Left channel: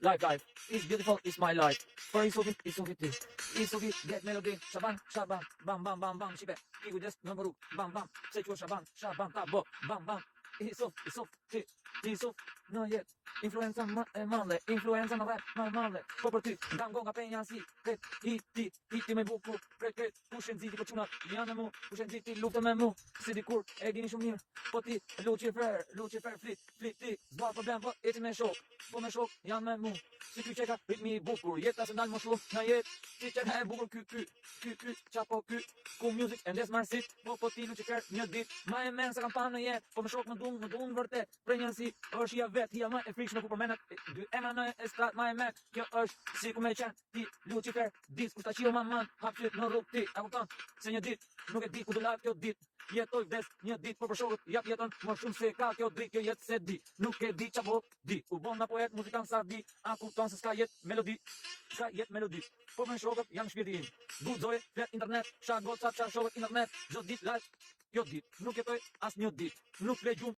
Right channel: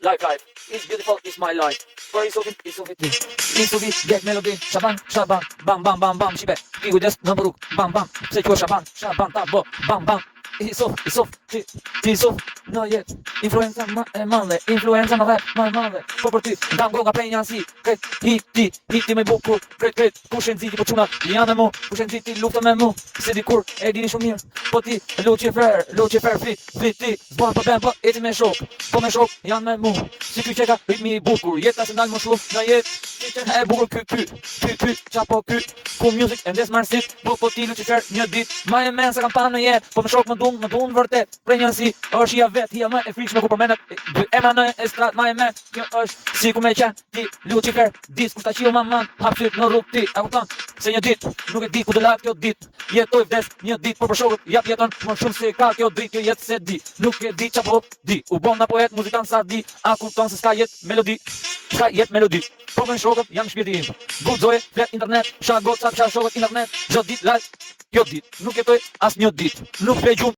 Life, it's beautiful, it's my life. For it's so get melody, Shaban, bam, shibe. Ti kujdes në rrug, bam, pse quhet Shaban, tabo, bam. Ti no yet. Influenza e male, influenza në rap, ma male. Po për ty, ndam goga prej njansi, hiti me bukur, kret, pushen ziti po quna, janë me mu, pushen ziti luftë me mu, se dikur e dini shumë mirë, po ti, Lucifer, fit ti, zbon po ben, po eti me shok, janë me mu, si ky qeka, ritmi i bukur, jeta se ndalë më shumë, në jet, si që e bukur ky, qapo ky, ku music, e ndes marsit, po ti Lucifer, një dit, ma e men se kam panë në jet, po me shok më dun vërtet, prej njënsi, është hia vet, hia më e frikshme ku përmenet, ema në estrat, ma e men, kjo është, si ku me qenë, ti Lucifer, dis, kushta qio man, hapsyt në rrug ti, a kupton, se një dit, nuk e di ku dëllat kjo dit, jetoj vdes, një dit, por për shokët, jeton, më shumë se ka kjo dit, kjo jetë se di, nuk e di qapo di, u bon na poet, muzikant sa di, a kupton se s'ka jet melodi, po me shokët, jam shpirti im, guxoje, flet internet, sha goca, sha shokët internet, çdo dit live, kjo dit, nuk jetoj as një dit, nuk fle gjumë,